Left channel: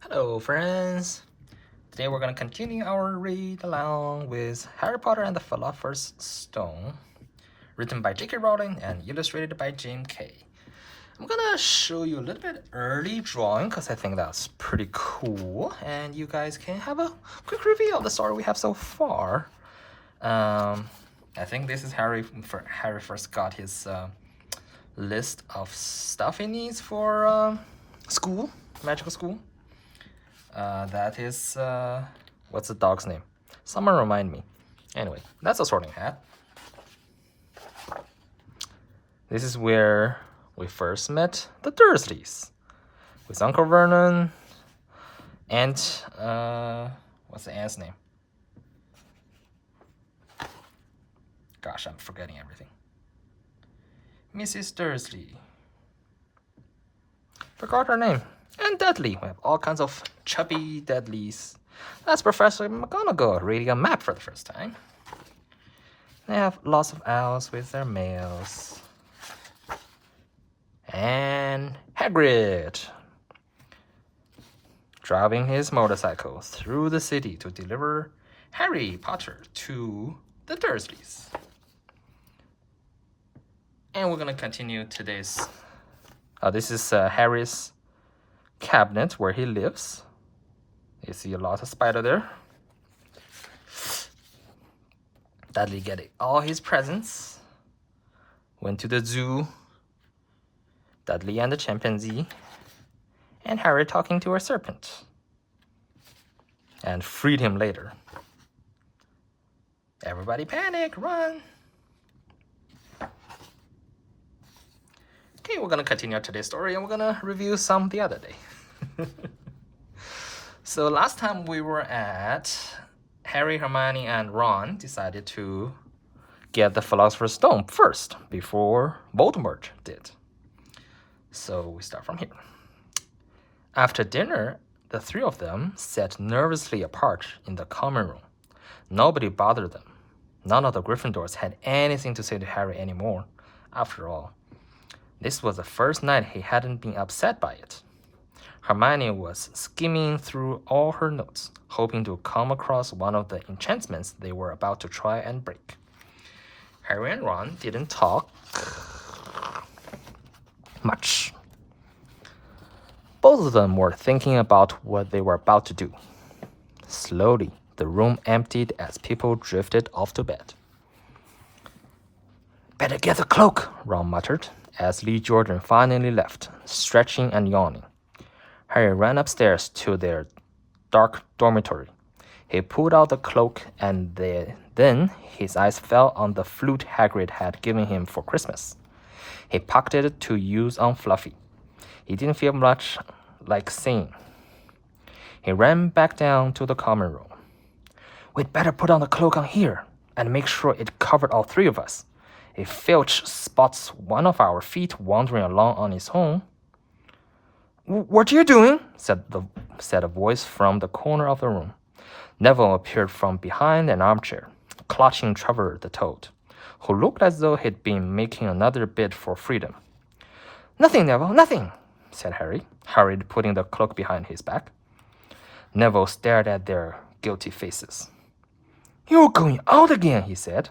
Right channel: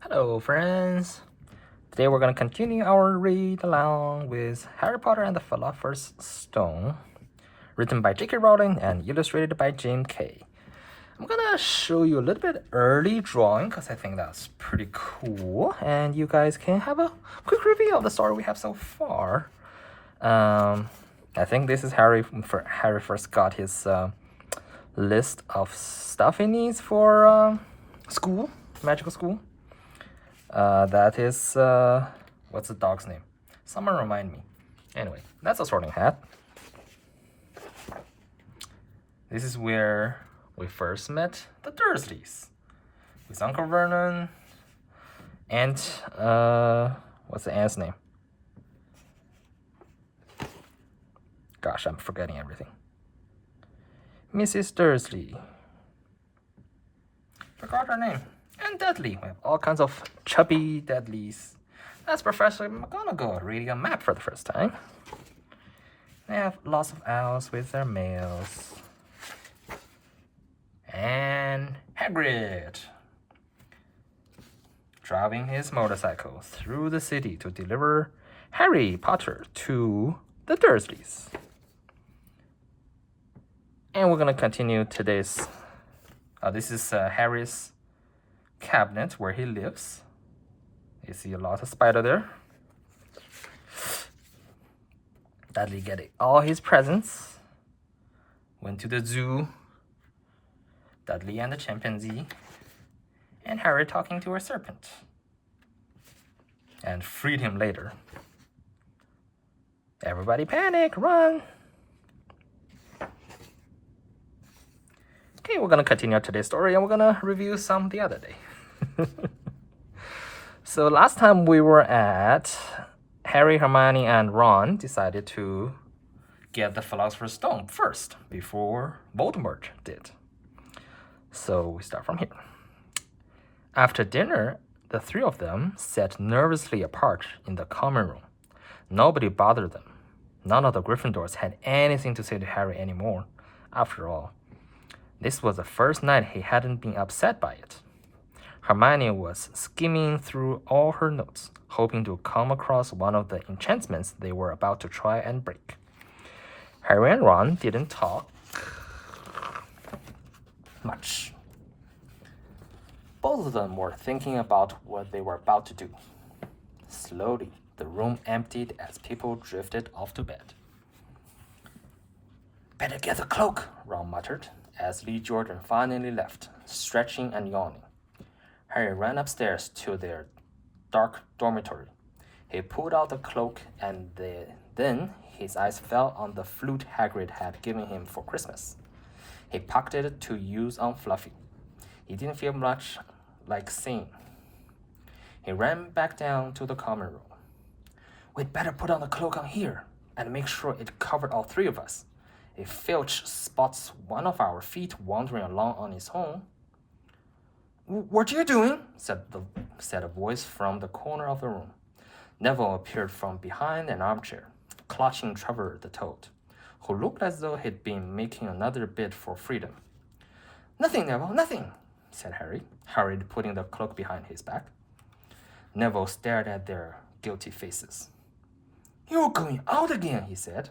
Hello, friends. Today we're going to continue our read along with Harry Potter and the Philosopher's Stone, written by J.K. Rowling and illustrated by James K. I'm going to show you a little bit early drawing because I think that's pretty cool, and you guys can have a quick review of the story we have so far. I think this is Harry first got his list of stuff he needs for school, magical school. That is, what's the dog's name? Someone remind me. Anyway, that's a sorting hat. This is where we first met the Dursleys with Uncle Vernon and, what's the aunt's name? Gosh, I'm forgetting everything. Mrs. Dursley. Forgot her name. And Dudley. We have all kinds of chubby Dudleys. That's Professor McGonagall reading a map for the first time. They have lots of owls with their mails. And Hagrid driving his motorcycle through the city to deliver Harry Potter to the Dursleys. And we're going to continue today's... this is Harry's cabinet where he lives. You see a lot of spider there. Dudley getting all his presents. Went to the zoo. Dudley and the chimpanzee. And Harry talking to a serpent. And freed him later. Everybody panic, run! Okay, we're gonna continue today's story and we're gonna review some the other day. So last time we were at Harry, Hermione, and Ron decided to get the Philosopher's Stone first before Voldemort did. So we start from here. After dinner, the three of them sat nervously apart in the common room. Nobody bothered them. None of the Gryffindors had anything to say to Harry anymore. After all, this was the first night he hadn't been upset by it. Hermione was skimming through all her notes, hoping to come across one of the enchantments they were about to try and break. Harry and Ron didn't talk much. Both of them were thinking about what they were about to do. Slowly, the room emptied as people drifted off to bed. "Better get the cloak," Ron muttered, as Lee Jordan finally left, stretching and yawning. Harry ran upstairs to their dark dormitory. He pulled out the cloak and then his eyes fell on the flute Hagrid had given him for Christmas. He pocketed it to use on Fluffy. He didn't feel much like singing. He ran back down to the common room. "We'd better put on the cloak on here and make sure it covered all three of us. If Filch spots one of our feet wandering along on its own..." "What are you doing?" said a voice from the corner of the room. Neville appeared from behind an armchair, clutching Trevor the Toad, who looked as though he'd been making another bid for freedom. "Nothing, Neville, nothing," said Harry, hurriedly putting the cloak behind his back. Neville stared at their guilty faces. "You're going out again," he said.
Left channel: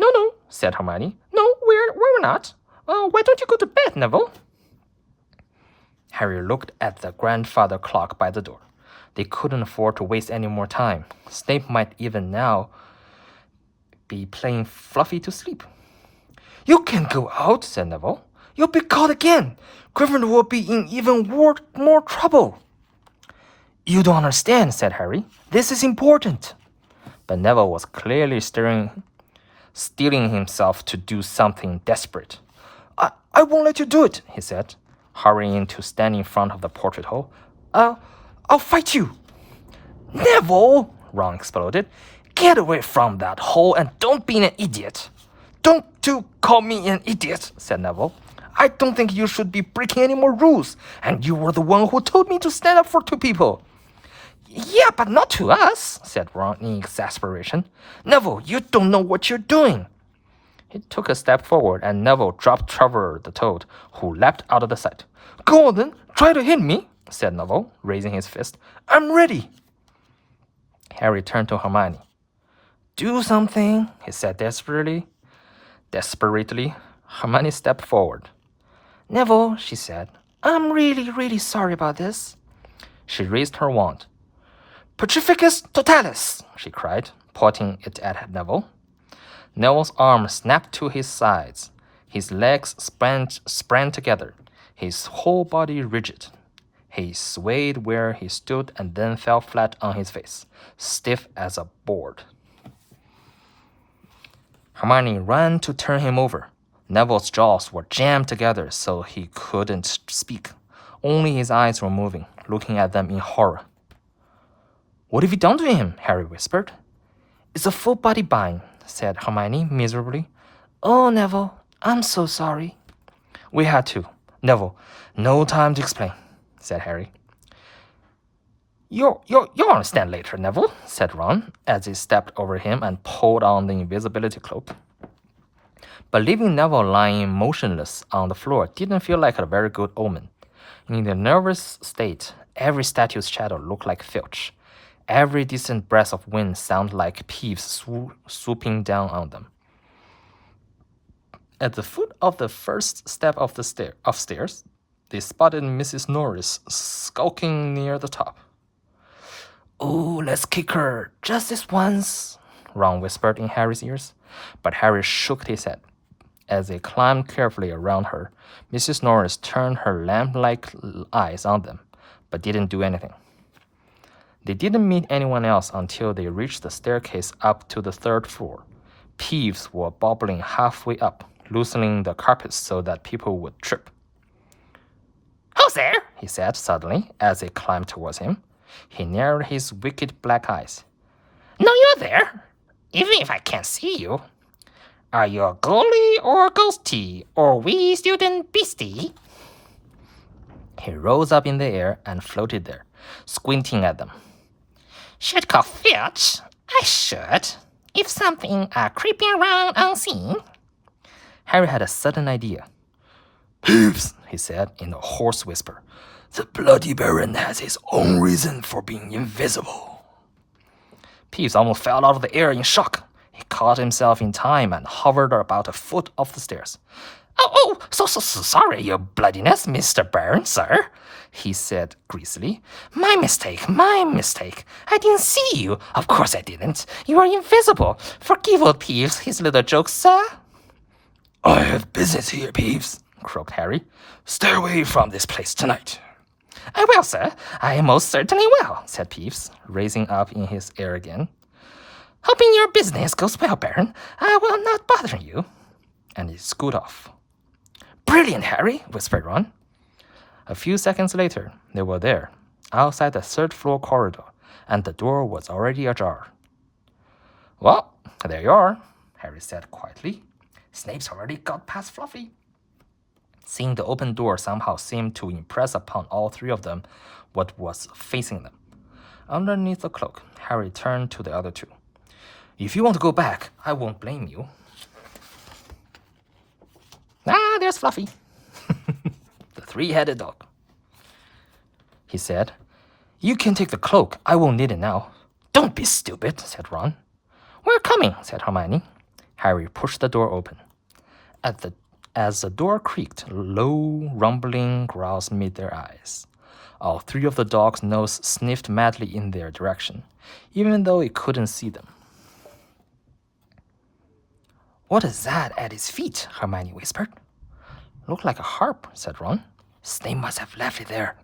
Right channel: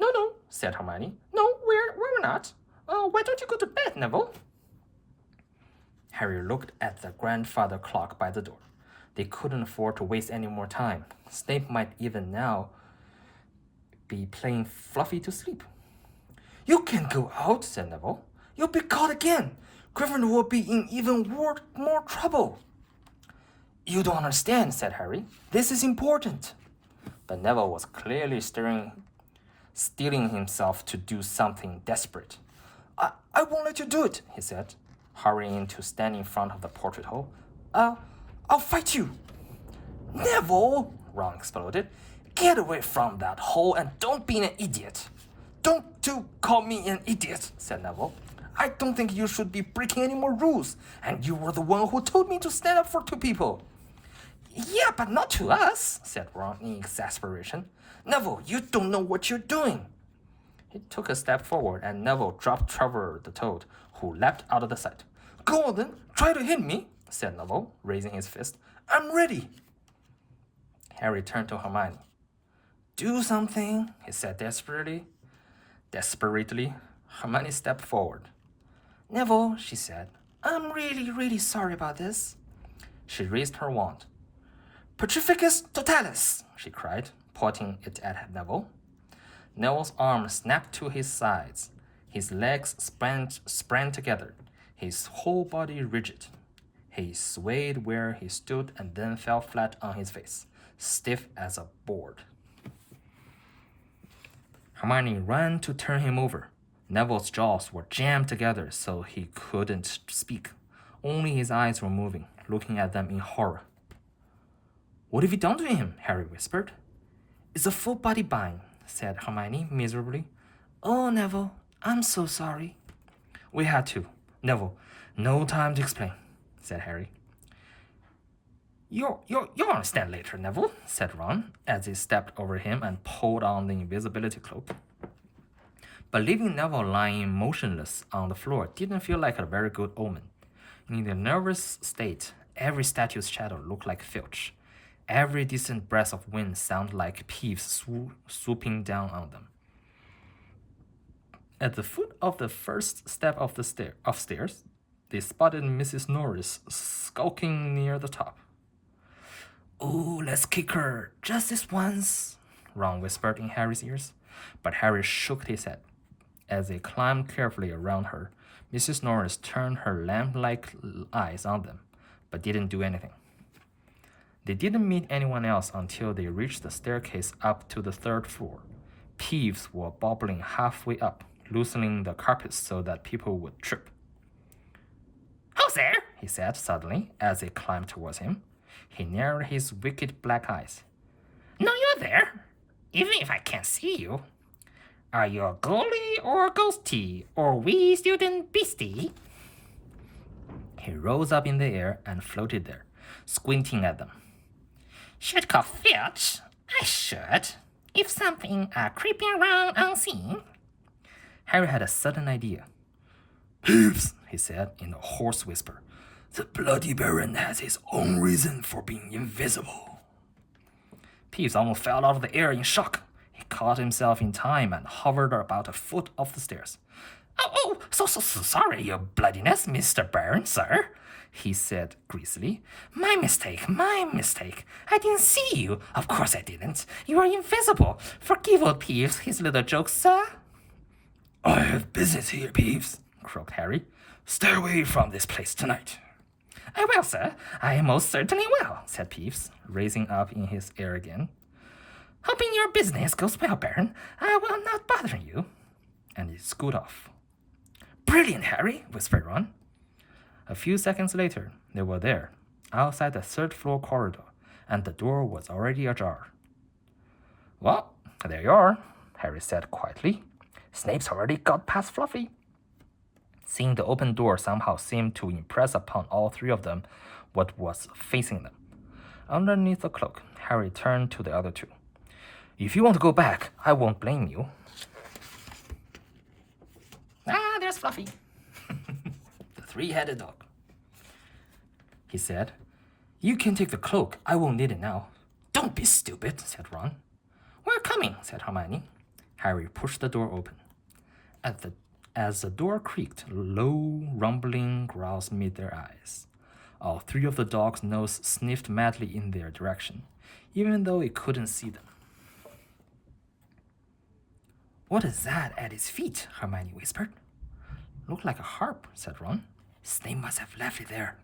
No, said Hermione. "No, we're not. Why don't you go to bed, Neville?" Harry looked at the grandfather clock by the door. They couldn't afford to waste any more time. Snape might even now be playing Fluffy to sleep. "You can't go out," said Neville. "You'll be caught again. Gryffindor will be in even more trouble." "You don't understand," said Harry. "This is important." But Neville was clearly steeling himself to do something desperate. I won't let you do it," he said, hurrying to stand in front of the portrait hole. I'll fight you." "Neville!" Ron exploded. "Get away from that hole and don't be an idiot." "Don't call me an idiot," said Neville. "I don't think you should be breaking any more rules, and you were the one who told me to stand up for two people." "Yeah, but not to us," said Ron in exasperation. "Neville, you don't know what you're doing." He took a step forward, and Neville dropped Trevor the Toad, who leapt out of the sight. "Go on then, try to hit me." said Neville, raising his fist. I'm ready. Harry turned to Hermione. Do something, he said desperately. Hermione stepped forward. Neville, she said, I'm really, really sorry about this. She raised her wand. Petrificus totalis, she cried, pointing it at Neville. Neville's arms snapped to his sides. His legs sprang together, his whole body rigid. He swayed where he stood and then fell flat on his face, stiff as a board. Hermione ran to turn him over. Neville's jaws were jammed together so he couldn't speak. Only his eyes were moving, looking at them in horror. What have you done to him? Harry whispered. It's a full body bind, said Hermione miserably. Oh, Neville, I'm so sorry. We had to. Neville, no time to explain, said Harry. You'll understand later, Neville, said Ron, as he stepped over him and pulled on the invisibility cloak. But leaving Neville lying motionless on the floor didn't feel like a very good omen. In their nervous state, every statue's shadow looked like filch. Every distant breath of wind sounded like Peeves swooping down on them. At the foot of the first step of the upstairs, they spotted Mrs. Norris skulking near the top. Oh, let's kick her, just this once, Ron whispered in Harry's ears. But Harry shook his head. As they climbed carefully around her, Mrs. Norris turned her lamp-like eyes on them, but didn't do anything. They didn't meet anyone else until they reached the staircase up to the third floor. Peeves were bobbling halfway up, loosening the carpets so that people would trip. Who's there? He said suddenly as they climbed towards him. He narrowed his wicked black eyes. No, you're there, even if I can't see you. Are you a goalie or a ghostie or wee student beastie? He rose up in the air and floated there, squinting at them. Should call Filch. I should. If something are creeping around unseen. Harry had a sudden idea. Peeves, he said in a hoarse whisper. The Bloody Baron has his own reason for being invisible. Peeves almost fell out of the air in shock. He caught himself in time and hovered about a foot off the stairs. So sorry, your bloodiness, Mr. Baron, sir, he said greasily. My mistake. I didn't see you. Of course I didn't. You are invisible. Forgive old Peeves his little jokes, sir. I have business here, Peeves, croaked Harry. Stay away from this place tonight. I will, sir. I most certainly will, said Peeves, raising up in his air again. Hoping your business goes well, Baron. I will not bother you. And he scooted off. Brilliant, Harry, whispered Ron. A few seconds later, they were there, outside the third-floor corridor, and the door was already ajar. Well, there you are, Harry said quietly. Snape's already got past Fluffy. Seeing the open door somehow seemed to impress upon all three of them what was facing them. Underneath the cloak, Harry turned to the other two. If you want to go back, I won't blame you. There's Fluffy. The three-headed dog. He said, You can take the cloak. I won't need it now. Don't be stupid, said Ron. We're coming, said Hermione. Harry pushed the door open. As the door creaked, low, rumbling growls met their eyes. All three of the dogs' noses sniffed madly in their direction, even though it couldn't see them. What is that at his feet? Hermione whispered. Looked like a harp, said Ron. Snape must have left it there.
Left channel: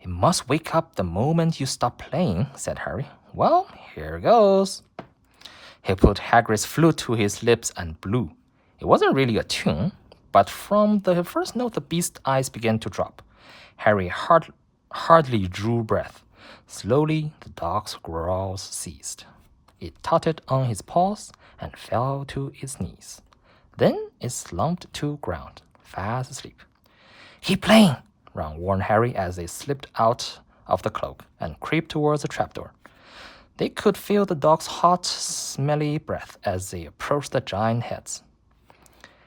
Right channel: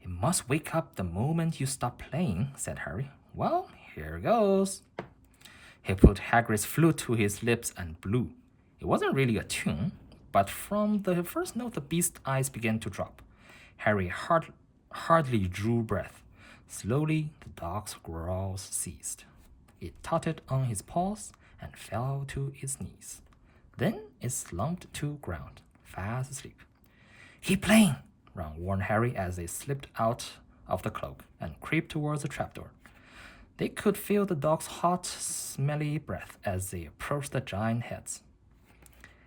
It must wake up the moment you stop playing, said Harry. Well, here goes. He put Hagrid's flute to his lips and blew. It wasn't really a tune, but from the first note the beast's eyes began to drop. Harry hardly drew breath. Slowly, the dog's growls ceased. It tottered on his paws and fell to its knees. Then it slumped to ground, fast asleep. Keep playing, Ron warned Harry as they slipped out of the cloak and crept towards the trapdoor. They could feel the dog's hot, smelly breath as they approached the giant heads.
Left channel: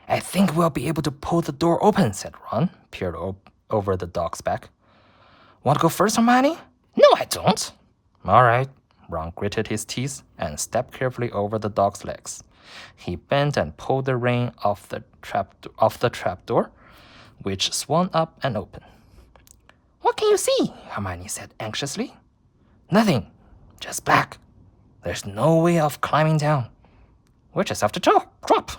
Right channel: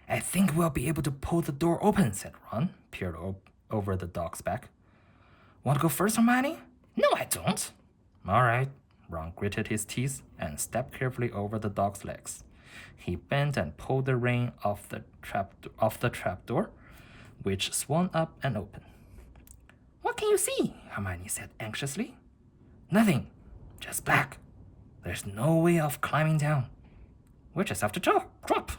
I think we'll be able to pull the door open, said Ron, peered over the dog's back. Want to go first, Hermione? No, I don't. All right. Ron gritted his teeth and stepped carefully over the dog's legs. He bent and pulled the rein off the trapdoor, which swung up and open. What can you see? Hermione said anxiously. Nothing. Just black. There's no way of climbing down. We'll just have to drop.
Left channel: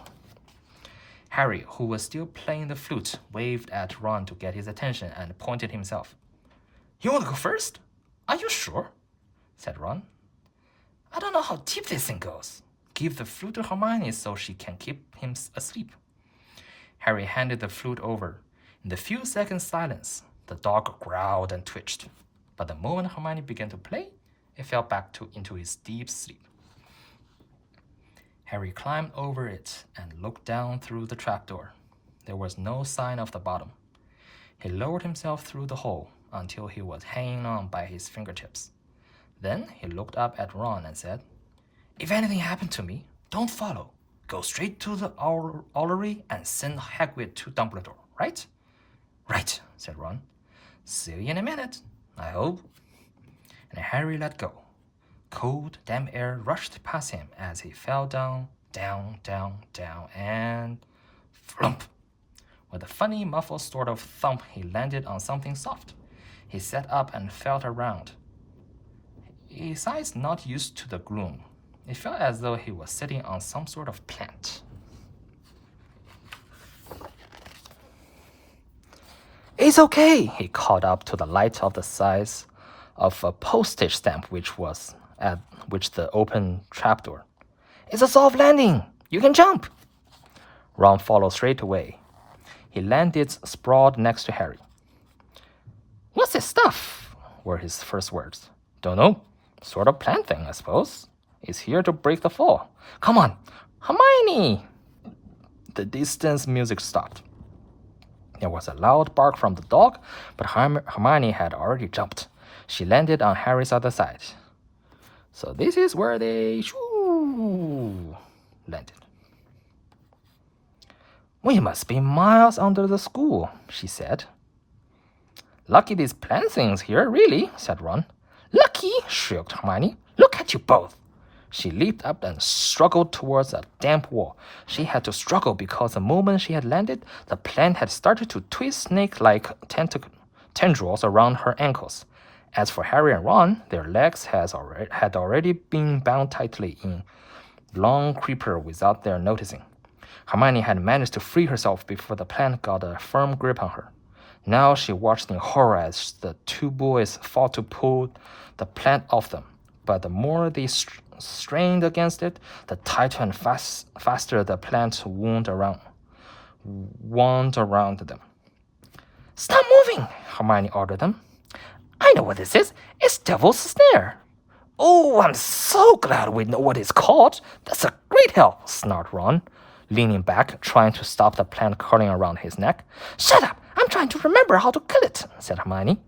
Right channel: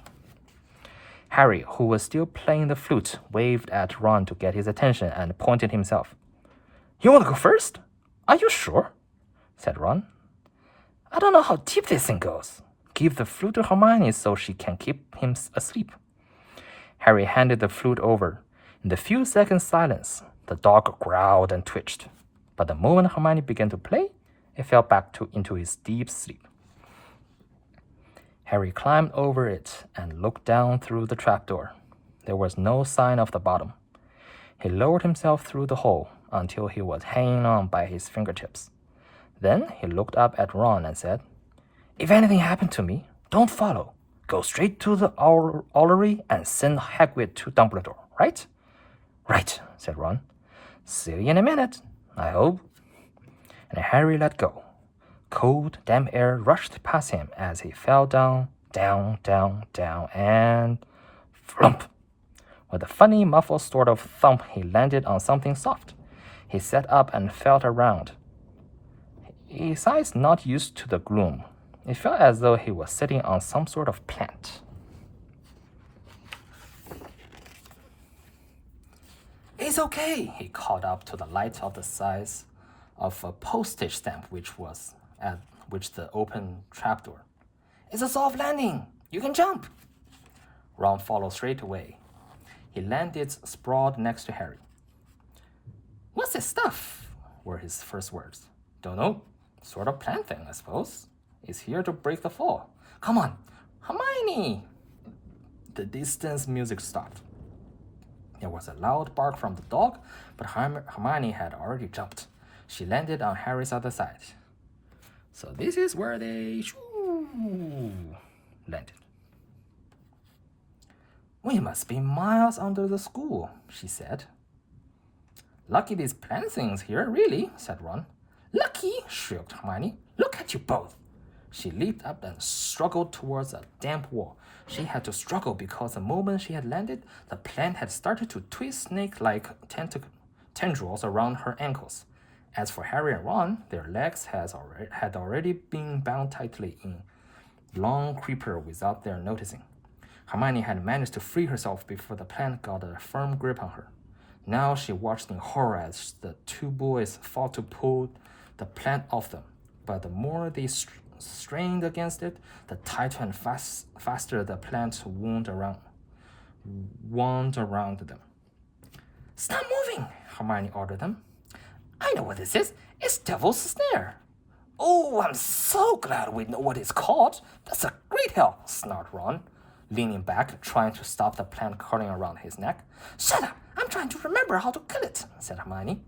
Harry, who was still playing the flute, waved at Ron to get his attention and pointed himself. You want to go first? Are you sure? Said Ron. I don't know how deep this thing goes. Give the flute to Hermione so she can keep him asleep. Harry handed the flute over. In the few seconds' silence, the dog growled and twitched. But the moment Hermione began to play, it fell back into his deep sleep. Harry climbed over it and looked down through the trapdoor. There was no sign of the bottom. He lowered himself through the hole until he was hanging on by his fingertips. Then he looked up at Ron and said, If anything happened to me, don't follow. Go straight to the Owlery and send Hagrid to Dumbledore, right? Right, said Ron. See you in a minute, I hope. And Harry let go. Cold, damp air rushed past him as he fell down, and flump. With a funny, muffled sort of thump, he landed on something soft. He sat up and felt around. His eyes not used to the gloom. It felt as though he was sitting on some sort of plant. It's okay, he called up to the light of the size of a postage stamp which was at the open trapdoor. It's a soft landing. You can jump. Ron followed straight away. He landed sprawled next to Harry. What's this stuff? Were his first words. Don't know. Sort of plant thing, I suppose. It's here to break the fall. Come on, Hermione! The distant music stopped. There was a loud bark from the dog, but Hermione had already jumped. She landed on Harry's other side. So this is where they landed. We must be miles under the school, she said. Lucky these plant things here, really, said Ron. Lucky, shrieked Hermione. Look at you both. She leaped up and struggled towards a damp wall. She had to struggle because the moment she had landed, the plant had started to twist snake-like tendrils around her ankles. As for Harry and Ron, their legs had already been bound tightly in long creeper without their noticing. Hermione had managed to free herself before the plant got a firm grip on her. Now she watched in horror as the two boys fought to pull the plant off them. But the more they strained against it, the tighter and faster the plant wound around them. Stop moving, Hermione ordered them. I know what this is. It's Devil's Snare. Oh, I'm so glad we know what it's called. That's a great help, snarled Ron, leaning back, trying to stop the plant curling around his neck. Shut up! I'm trying to remember how to kill it, said Hermione.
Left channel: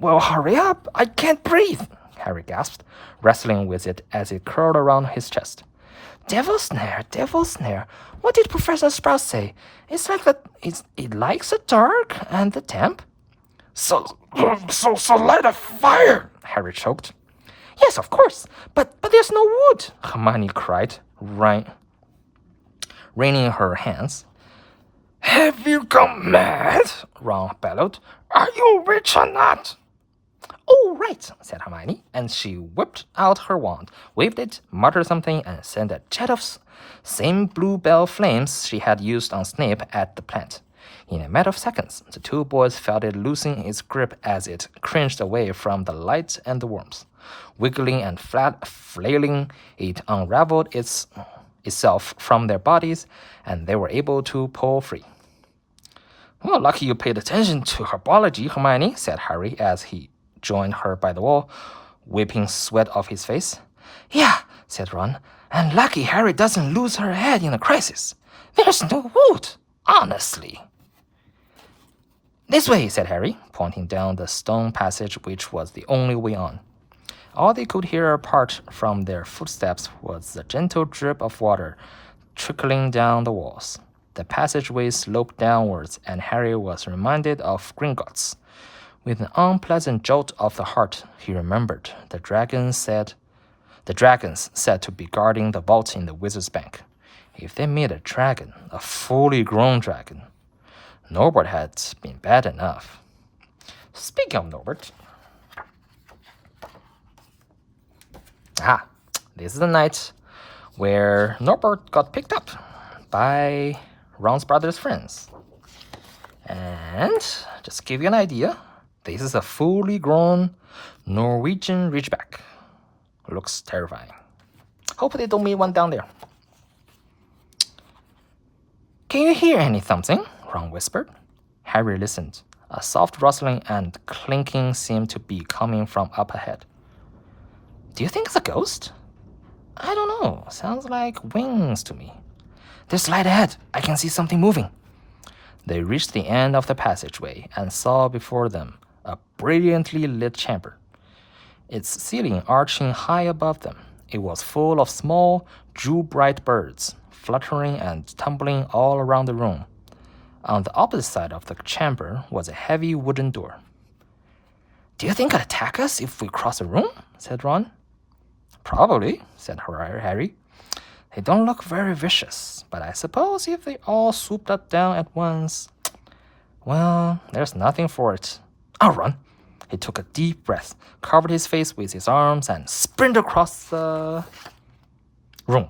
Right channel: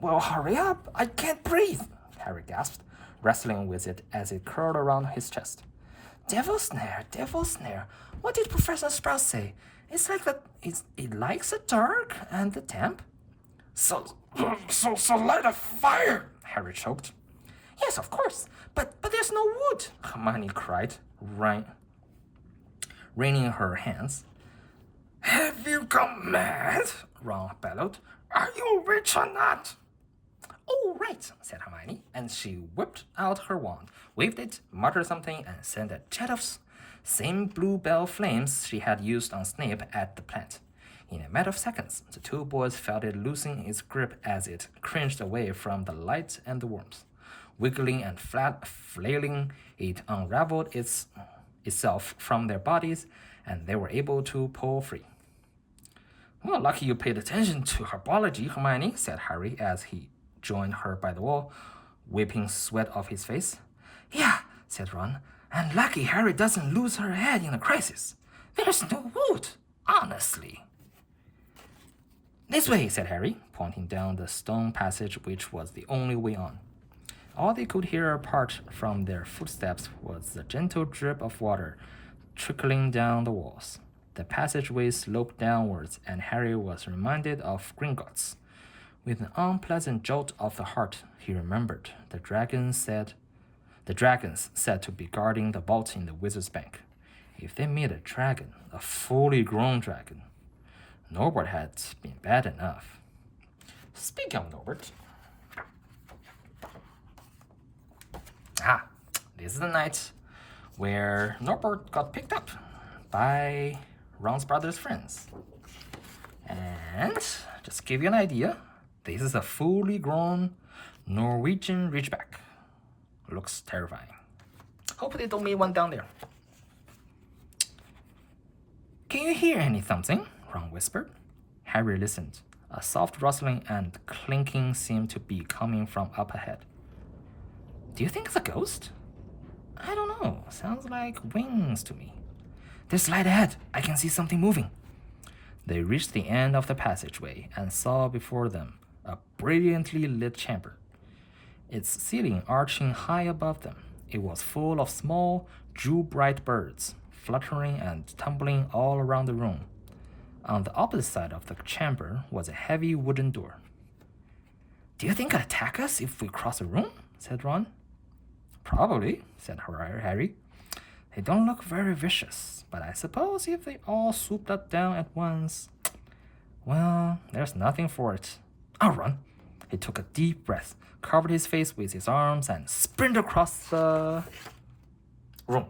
Well, hurry up. I can't breathe, Harry gasped, wrestling with it as it curled around his chest. Devil's Snare. What did Professor Sprout say? It's like that. It likes the dark and the damp. So light a fire, Harry choked. Yes, of course, but there's no wood, Hermione cried, wringing her hands. Have you gone mad? Ron bellowed. Are you rich or not? Oh, right, said Hermione, and she whipped out her wand, waved it, muttered something, and sent a jet of same bluebell flames she had used on Snape at the plant. In a matter of seconds, the two boys felt it loosen its grip as it cringed away from the light and the warmth. Wiggling and flailing, it unraveled itself from their bodies, and they were able to pull free. Well, lucky you paid attention to herbology, Hermione, said Harry as he joined her by the wall, wiping sweat off his face. Yeah, said Ron, and lucky Harry doesn't lose her head in a crisis. There's no wood, honestly. This way, said Harry, pointing down the stone passage which was the only way on. All they could hear apart from their footsteps was the gentle drip of water trickling down the walls. The passageway sloped downwards, and Harry was reminded of Gringotts, With an unpleasant jolt of the heart, he remembered the dragons said to be guarding the vault in the wizard's bank. If they made a dragon, a fully grown dragon, Norbert had been bad enough. Speaking of Norbert, this is the night where Norbert got picked up by Ron's brother's friends. And just to give you an idea, this is a fully grown Norwegian Ridgeback. Looks terrifying. Hope they don't meet one down there. Can you hear any something? Ron whispered. Harry listened. A soft rustling and clinking seemed to be coming from up ahead. Do you think it's a ghost? I don't know. Sounds like wings to me. There's light ahead. I can see something moving. They reached the end of the passageway and saw before them a brilliantly lit chamber, its ceiling arching high above them. It was full of small, jewel-bright birds, fluttering and tumbling all around the room. On the opposite side of the chamber was a heavy wooden door. Do you think it'll attack us if we cross the room? Said Ron. Probably, said Harry. They don't look very vicious, but I suppose if they all swooped up down at once, well, there's nothing for it. I'll run. He took a deep breath, covered his face with his arms, and sprinted across the room.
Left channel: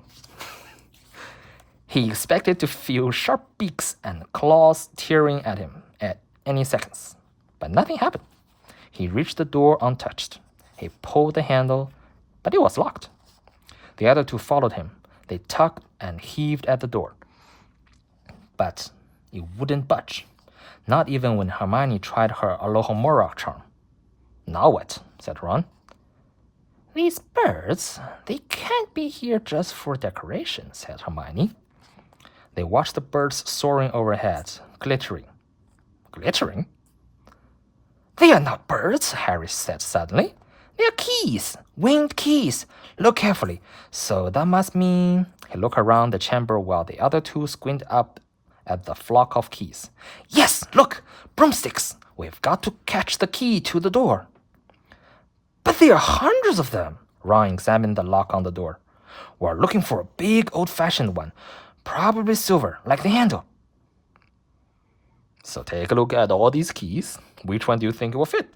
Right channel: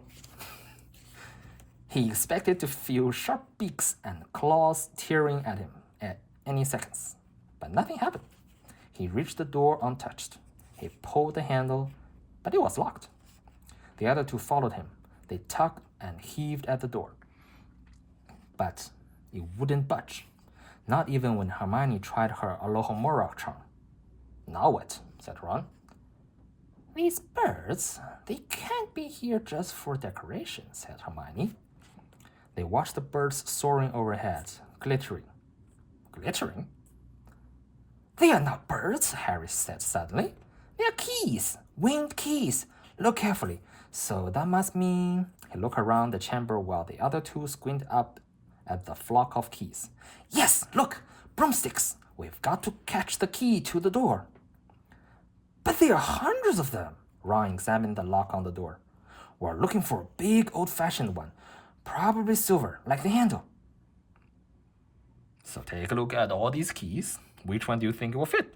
He expected to feel sharp beaks and claws tearing at him at any seconds, but nothing happened. He reached the door untouched. He pulled the handle, but it was locked. The other two followed him. They tugged and heaved at the door, but it wouldn't budge, not even when Hermione tried her Alohomora charm. Now what? Said Ron. These birds, they can't be here just for decoration, said Hermione. They watched the birds soaring overhead, glittering. Glittering? They are not birds, Harry said suddenly. They are keys, winged keys. Look carefully. So that must mean... He looked around the chamber while the other two squinted up at the flock of keys. Yes, look! Broomsticks! We've got to catch the key to the door. But there are hundreds of them. Ron examined the lock on the door. We're looking for a big old-fashioned one, probably silver, like the handle. So take a look at all these keys. Which one do you think will fit?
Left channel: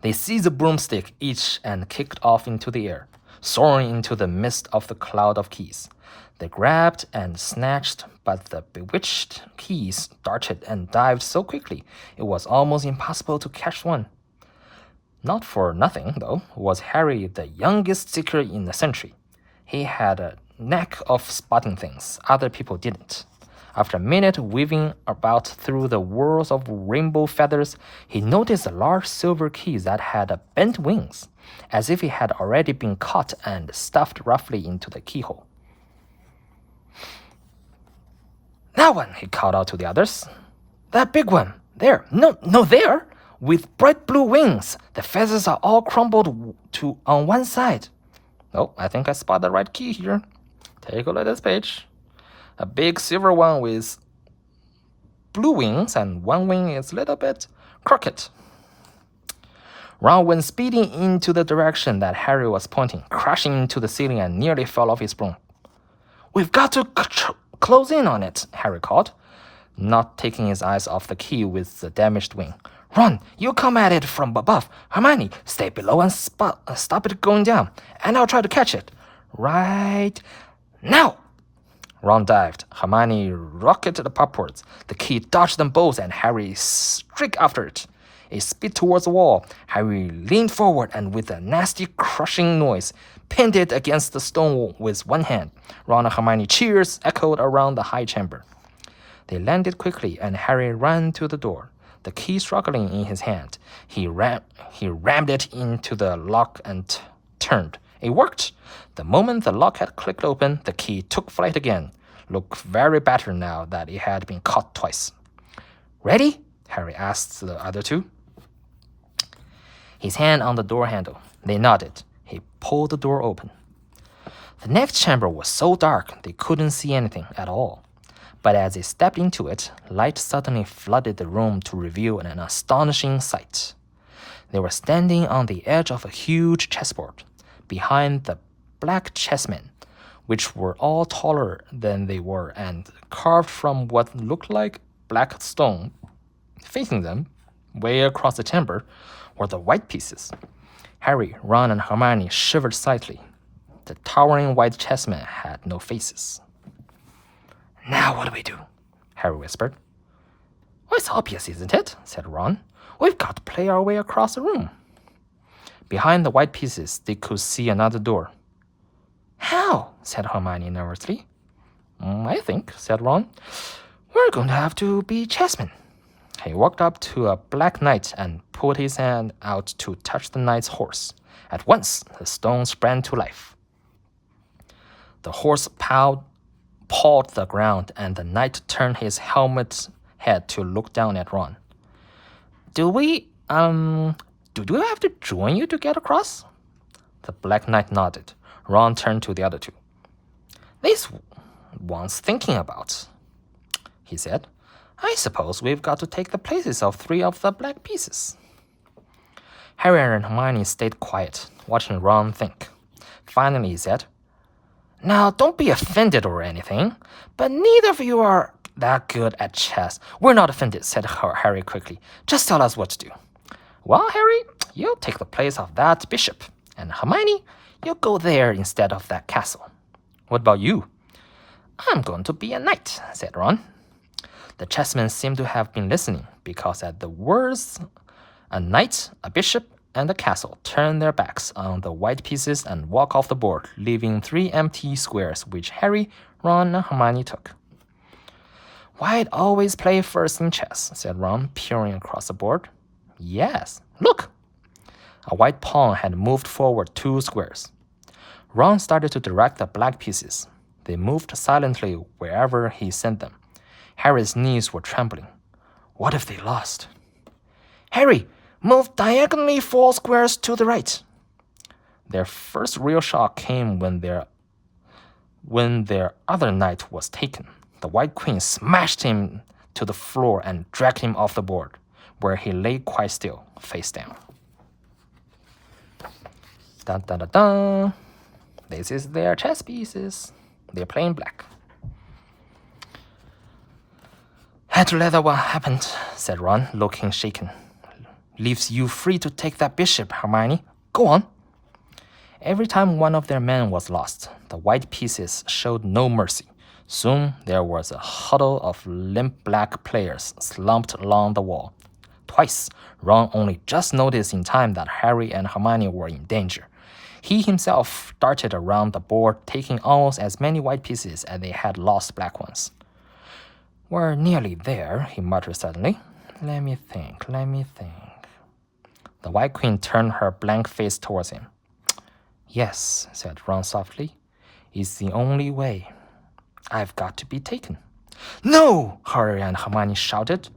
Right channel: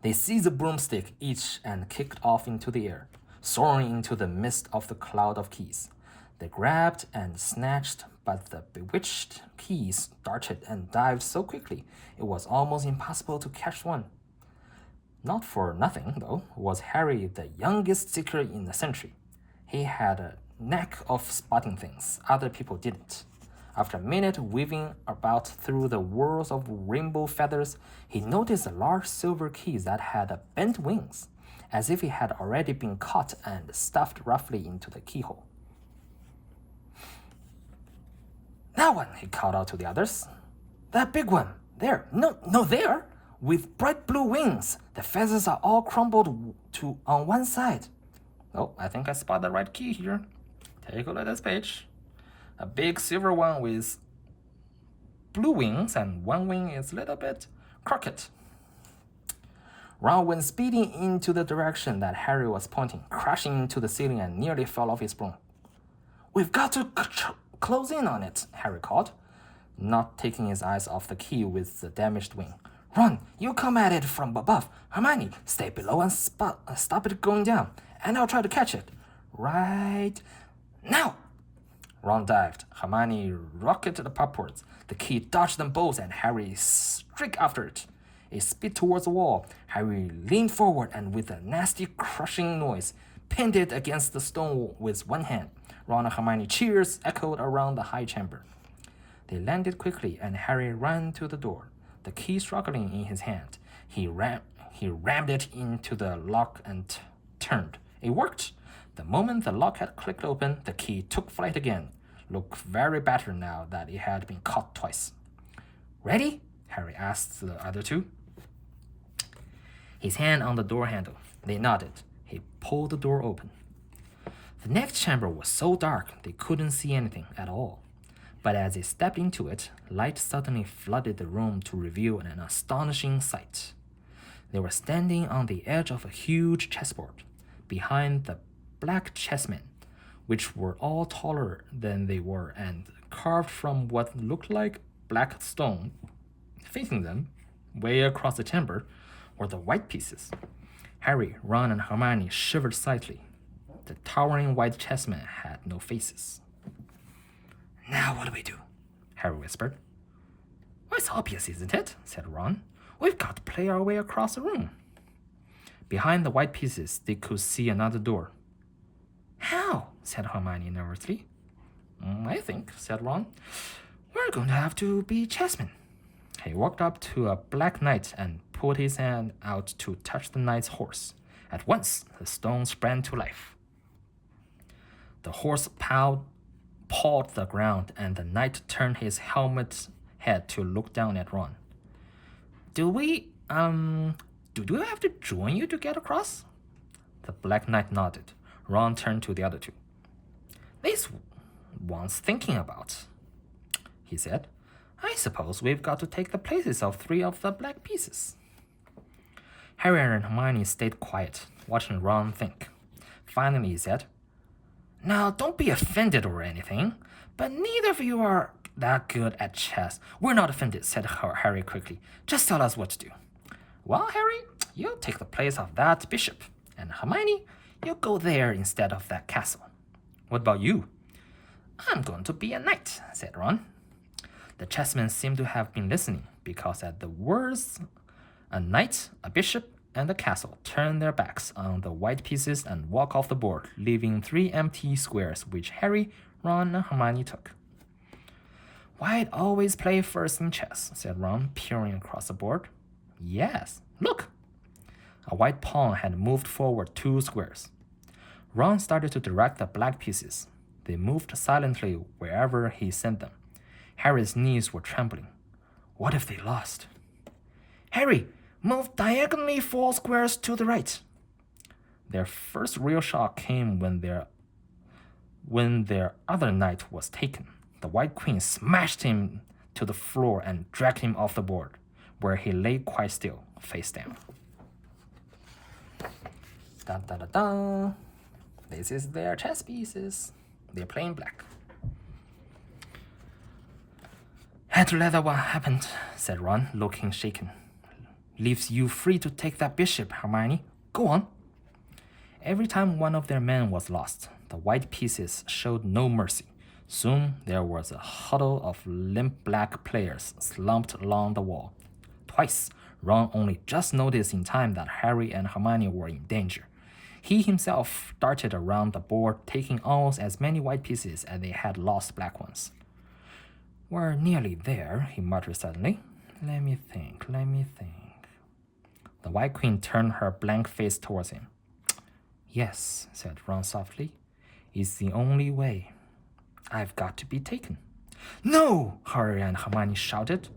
They seized a broomstick each and kicked off into the air, soaring into the midst of the cloud of keys. They grabbed and snatched, but the bewitched keys darted and dived so quickly it was almost impossible to catch one. Not for nothing, though, was Harry the youngest seeker in the century. He had a knack of spotting things other people didn't. After a minute weaving about through the whirls of rainbow feathers, he noticed a large silver key that had bent wings, as if it had already been caught and stuffed roughly into the keyhole. That one, he called out to the others. That big one. There. No, there. With bright blue wings. The feathers are all crumpled on one side. Oh, I think I spotted the right key here. Take a look at this page. A big silver one with blue wings, and one wing is a little bit crooked. Ron went speeding into the direction that Harry was pointing, crashing into the ceiling and nearly fell off his broom. We've got to close in on it, Harry called, not taking his eyes off the key with the damaged wing. Ron, you come at it from above. Hermione, stay below and stop it going down, and I'll try to catch it. Right now! Ron dived. Hermione rocketed upwards. The key dodged them both, and Harry streaked after it. It sped towards the wall. Harry leaned forward and, with a nasty crushing noise, pinned it against the stone wall with one hand. Ron and Hermione cheers echoed around the high chamber. They landed quickly, and Harry ran to the door, the key struggling in his hand. He rammed it into the lock and turned. It worked. The moment the lock had clicked open, the key took flight again. Looked very battered now that it had been caught twice. Ready? Harry asked the other two. His hand on the door handle. They nodded. He pulled the door open. The next chamber was so dark they couldn't see anything at all. But as they stepped into it, light suddenly flooded the room to reveal an astonishing sight. They were standing on the edge of a huge chessboard, behind the black chessmen, which were all taller than they were and carved from what looked like black stone. Facing them, way across the chamber, were the white pieces. Harry, Ron, and Hermione shivered slightly. The towering white chessmen had no faces. "Now what do we do?" Harry whispered. "Well, it's obvious, isn't it?" said Ron. "We've got to play our way across the room." Behind the white pieces, they could see another door. "How?" said Hermione nervously. "I think," said Ron, "we're going to have to be chessmen." He walked up to a black knight and put his hand out to touch the knight's horse. At once, the stone sprang to life. The horse pawed the ground, and the knight turned his helmet head to look down at Ron. Do we have to join you to get across?" The Black Knight nodded. Ron turned to the other two. "This wants thinking about," he said. "I suppose we've got to take the places of 3 of the black pieces." Harry and Hermione stayed quiet, watching Ron think. Finally, he said, "Now, don't be offended or anything, but neither of you are that good at chess." "We're not offended," said Harry quickly. "Just tell us what to do." "Well, Harry, you'll take the place of that bishop, and Hermione, you'll go there instead of that castle." "What about you?" "I'm going to be a knight," said Ron. The chessmen seemed to have been listening, because at the words, a knight, a bishop, and a castle turned their backs on the white pieces and walked off the board, leaving 3 empty squares, which Harry, Ron, and Hermione took. "White always play first in chess," said Ron, peering across the board. "Yes, look!" A white pawn had moved forward 2 squares. Ron started to direct the black pieces. They moved silently wherever he sent them. Harry's knees were trembling. What if they lost? "Harry, move diagonally 4 squares to the right." Their first real shock came when their other knight was taken. The White Queen smashed him to the floor and dragged him off the board, where he lay quite still, face down. Dun, dun, dun, dun. This is their chess pieces. They're playing black. "Had to let that one happen," said Ron, looking shaken. "Leaves you free to take that bishop, Hermione. Go on." Every time one of their men was lost, the white pieces showed no mercy. Soon there was a huddle of limp black players slumped along the wall. Twice, Ron only just noticed in time that Harry and Hermione were in danger. He himself darted around the board, taking almost as many white pieces as they had lost black ones. "We're nearly there," he muttered suddenly. Let me think. The White Queen turned her blank face towards him. "Yes," said Ron softly. "It's the only way. I've got to be taken." "No!" Harry and Hermione shouted.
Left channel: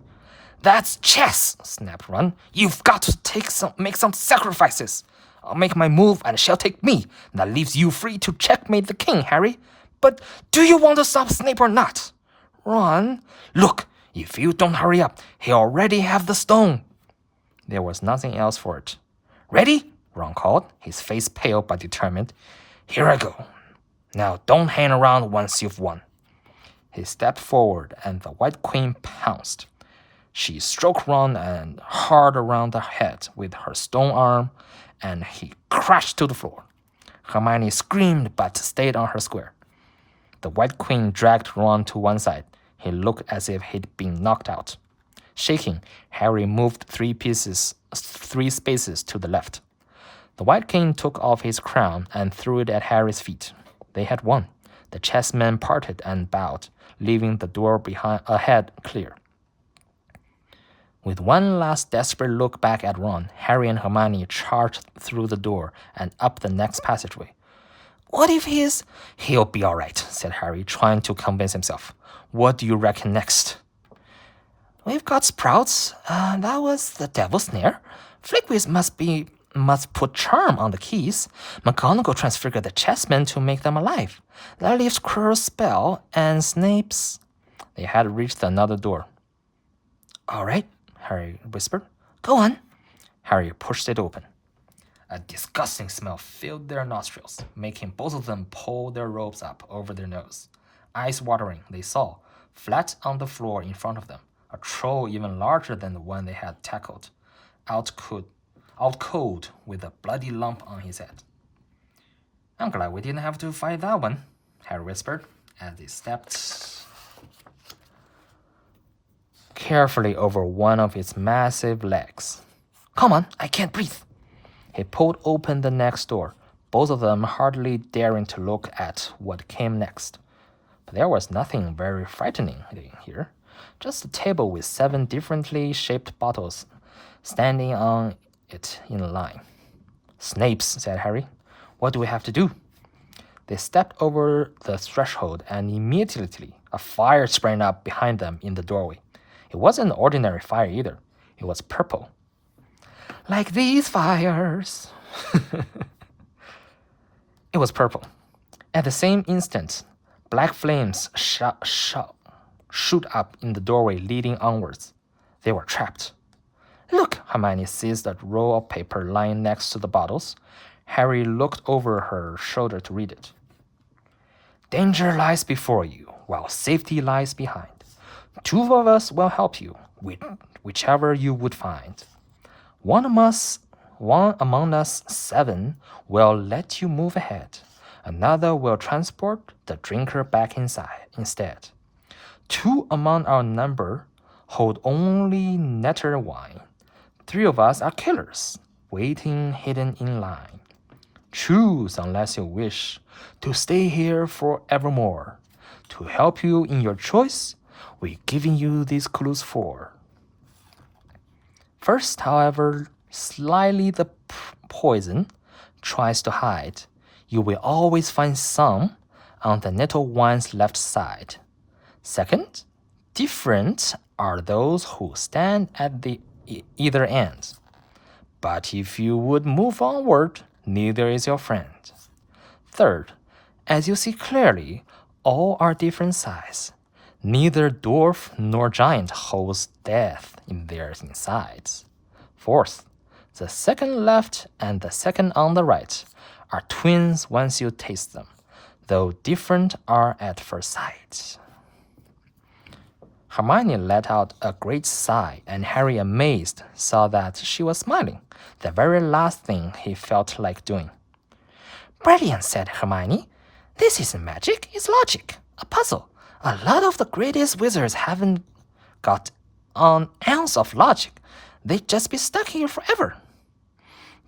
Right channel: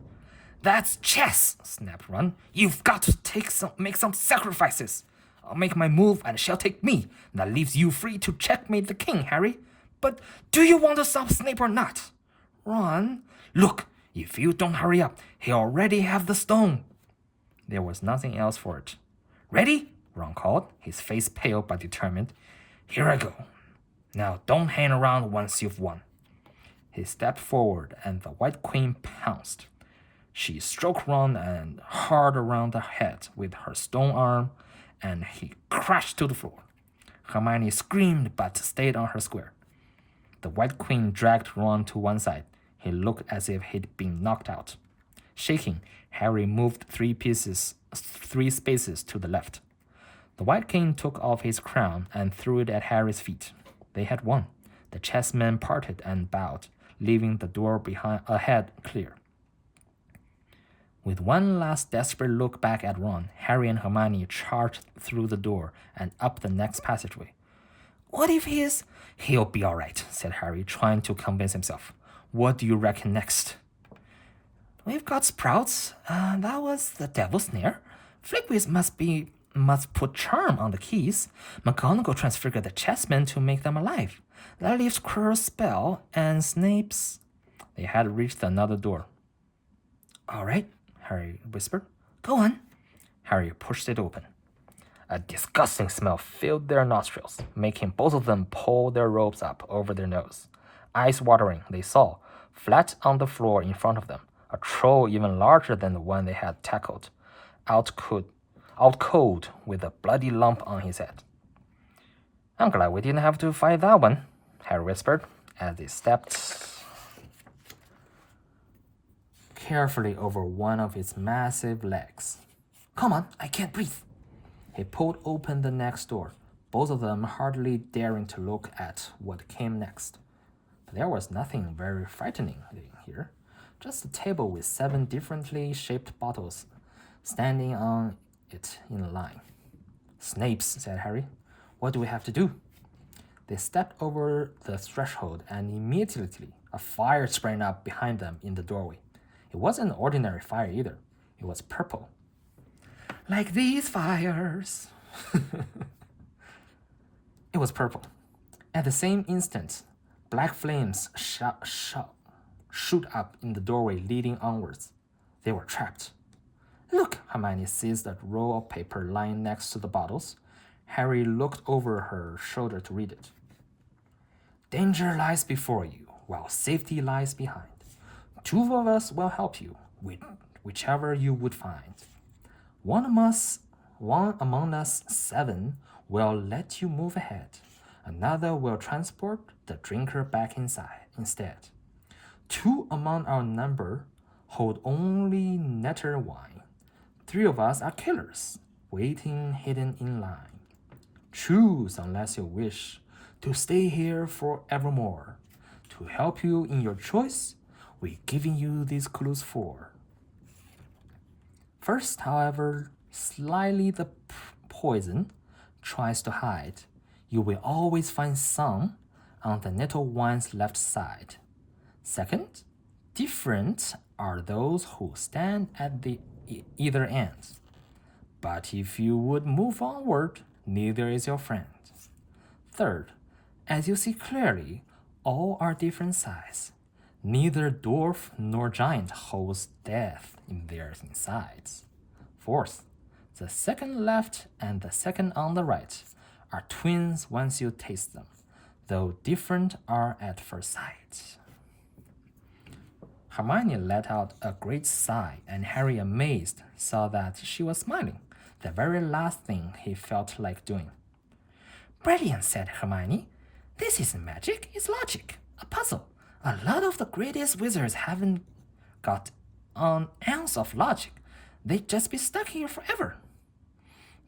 "That's chess," snapped Ron. "You've got to make some sacrifices. I'll make my move and she'll take me. That leaves you free to checkmate the king, Harry. But do you want to stop Snape or not?" "Ron, look, if you don't hurry up, he'll already have the stone." There was nothing else for it. "Ready?" Ron called, his face pale but determined. "Here I go. Now don't hang around once you've won." He stepped forward and the White Queen pounced. She stroked Ron and hard around the head with her stone arm, and he crashed to the floor. Hermione screamed but stayed on her square. The White Queen dragged Ron to one side. He looked as if he'd been knocked out. Shaking, Harry moved 3 spaces to the left. The White King took off his crown and threw it at Harry's feet. They had won. The chessmen parted and bowed, leaving the door ahead clear. With one last desperate look back at Ron, Harry and Hermione charged through the door and up the next passageway. "What if He'll be all right," said Harry, trying to convince himself. "What do you reckon next?" "We've got sprouts. That was the devil's snare. Flickwiz must put charm on the keys. McGonagall transfigured the chessmen to make them alive. That leaves Quirrell's spell and Snape's..." They had reached another door. "All right," Harry whispered. "Go on." Harry pushed it open. A disgusting smell filled their nostrils, making both of them pull their robes up over their nose. Eyes watering, they saw, flat on the floor in front of them, a troll even larger than the one they had tackled, out cold with a bloody lump on his head. "I'm glad we didn't have to fight that one," Harry whispered as they stepped carefully over one of its massive legs. "Come on, I can't breathe." He pulled open the next door, both of them hardly daring to look at what came next. But there was nothing very frightening here, just a table with 7 differently shaped bottles standing on it in a line. "Snapes," said Harry. "What do we have to do?" They stepped over the threshold, and immediately a fire sprang up behind them in the doorway. It wasn't an ordinary fire either. It was purple. "Like these fires." It was purple. At the same instant, black flames shoot up in the doorway leading onwards. They were trapped. "Look!" Hermione seized a roll of paper lying next to the bottles. Harry looked over her shoulder to read it. "Danger lies before you, while safety lies behind. 2 of us will help you, whichever you would find. One among us 7 will let you move ahead. Another will transport the drinker back inside instead. 2 among our number hold only nectar wine. 3 of us are killers, waiting hidden in line. Choose unless you wish to stay here forevermore. To help you in your choice, we're giving you these clues for." First, however slyly the poison tries to hide, you will always find some on the nettle wine's left side. Second, different are those who stand at the either ends. But if you would move onward, neither is your friend. Third, as you see clearly, all are different size. Neither dwarf nor giant holds death in their insides. Fourth, the second left and the second on the right are twins once you taste them, though different are at first sight. Hermione let out a great sigh, and Harry, amazed, saw that she was smiling, the very last thing he felt like doing. "Brilliant," said Hermione. "This isn't magic, it's logic, a puzzle. A lot of the greatest wizards haven't got an ounce of logic. They'd just be stuck here forever."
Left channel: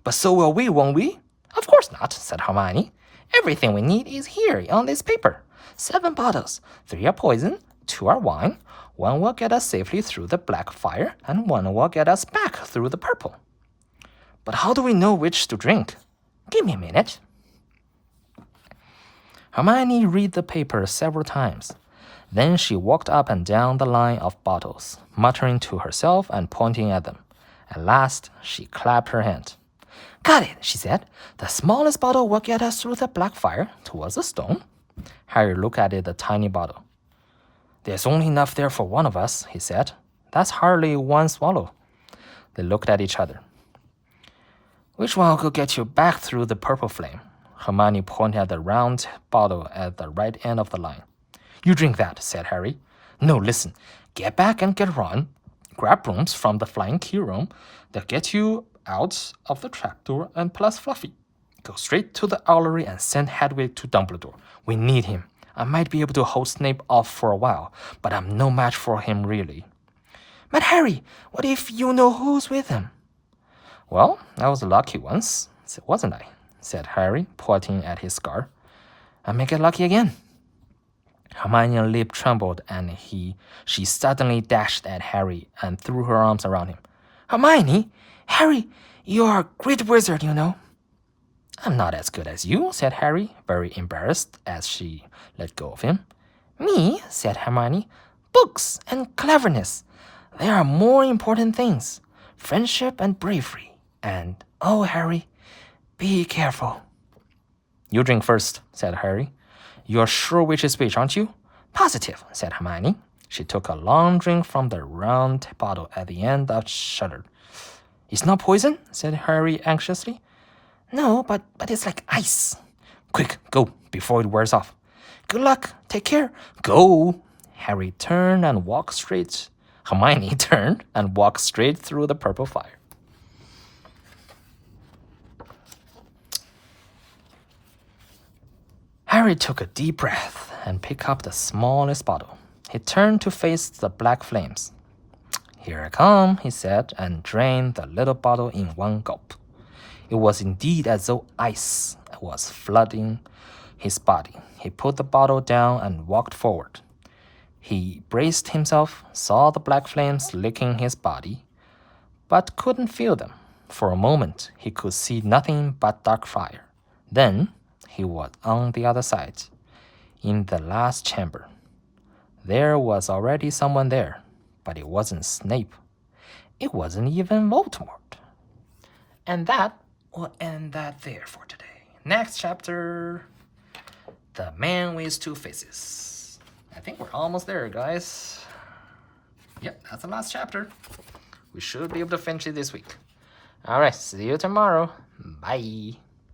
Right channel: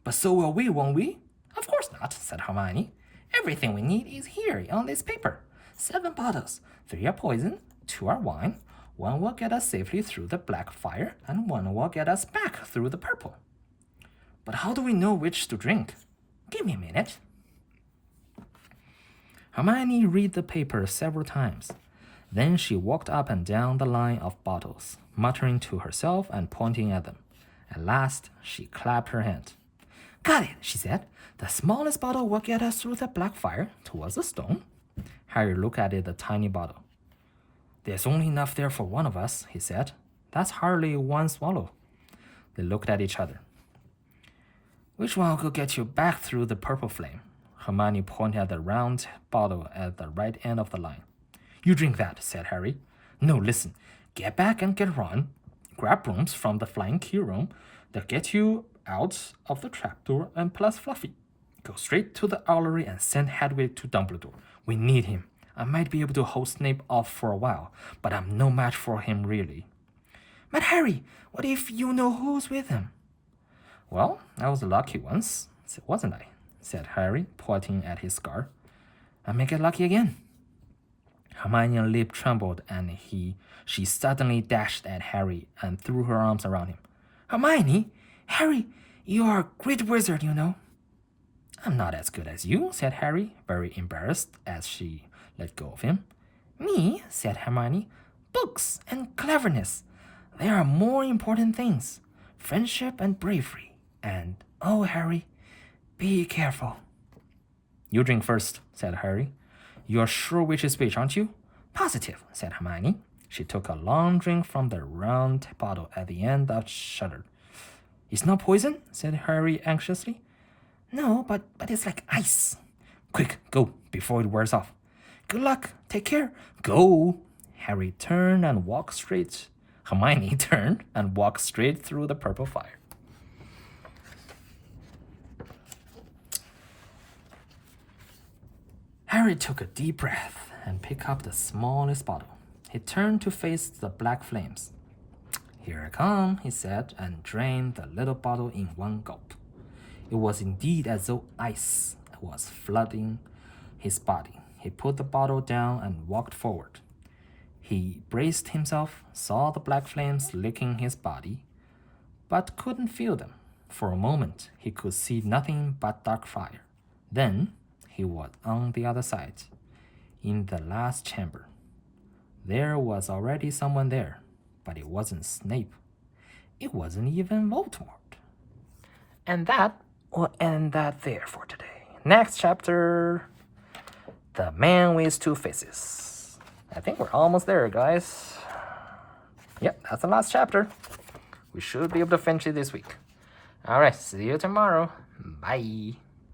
"But so will we, won't we?" "Of course not," said Hermione. "Everything we need is here on this paper. 7 bottles. 3 are poison, 2 are wine. 1 will get us safely through the black fire, and 1 will get us back through the purple." "But how do we know which to drink?" "Give me a minute." Hermione read the paper several times. Then she walked up and down the line of bottles, muttering to herself and pointing at them. At last, she clapped her hand. "Got it," she said. "The smallest bottle will get us through the black fire towards the stone." Harry looked at the tiny bottle. "There's only enough there for 1 of us," he said. "That's hardly 1 swallow." They looked at each other. "Which one will get you back through the purple flame?" Hermione pointed at the round bottle at the right end of the line. "You drink that," said Harry. "No, listen. Get back and get Ron. Grab brooms from the flying key room that get you out of the trapdoor, and plus Fluffy. Go straight to the owlery and send Hedwig to Dumbledore. We need him. I might be able to hold Snape off for a while, but I'm no match for him really." "But Harry, what if you know who's with him?" "Well, I was lucky once, wasn't I?" said Harry, pointing at his scar. "I may get lucky again." Hermione's lip trembled, and she suddenly dashed at Harry and threw her arms around him. "Hermione! Harry, you are a great wizard, you know." "I'm not as good as you," said Harry, very embarrassed as she let go of him. "Me?" said Hermione. "Books and cleverness. There are more important things. Friendship and bravery. And, oh, Harry, be careful." "You drink first," said Harry. "You're sure which is which, aren't you?" "Positive," said Hermione. She took a long drink from the round bottle at the end and shuddered. It's not poison? Said Harry anxiously. No, but it's like ice. Quick, go, before it wears off. Good luck. Take care. Go. Harry turned and walked straight. Hermione turned and walked straight through the purple fire. Harry took a deep breath and picked up the smallest bottle. He turned to face the black flames. Here I come, he said, and drained the little bottle in one gulp. It was indeed as though ice was flooding his body. He put the bottle down and walked forward. He braced himself, saw the black flames licking his body, but couldn't feel them. For a moment, he could see nothing but dark fire. Then, he was on the other side, in the last chamber. There was already someone there, but it wasn't Snape. It wasn't even Voldemort. And that will end that there for today. Next chapter, The Man with Two Faces. I think we're almost there, guys. Yep, that's the last chapter. We should be able to finish it this week. All right, see you tomorrow. Bye.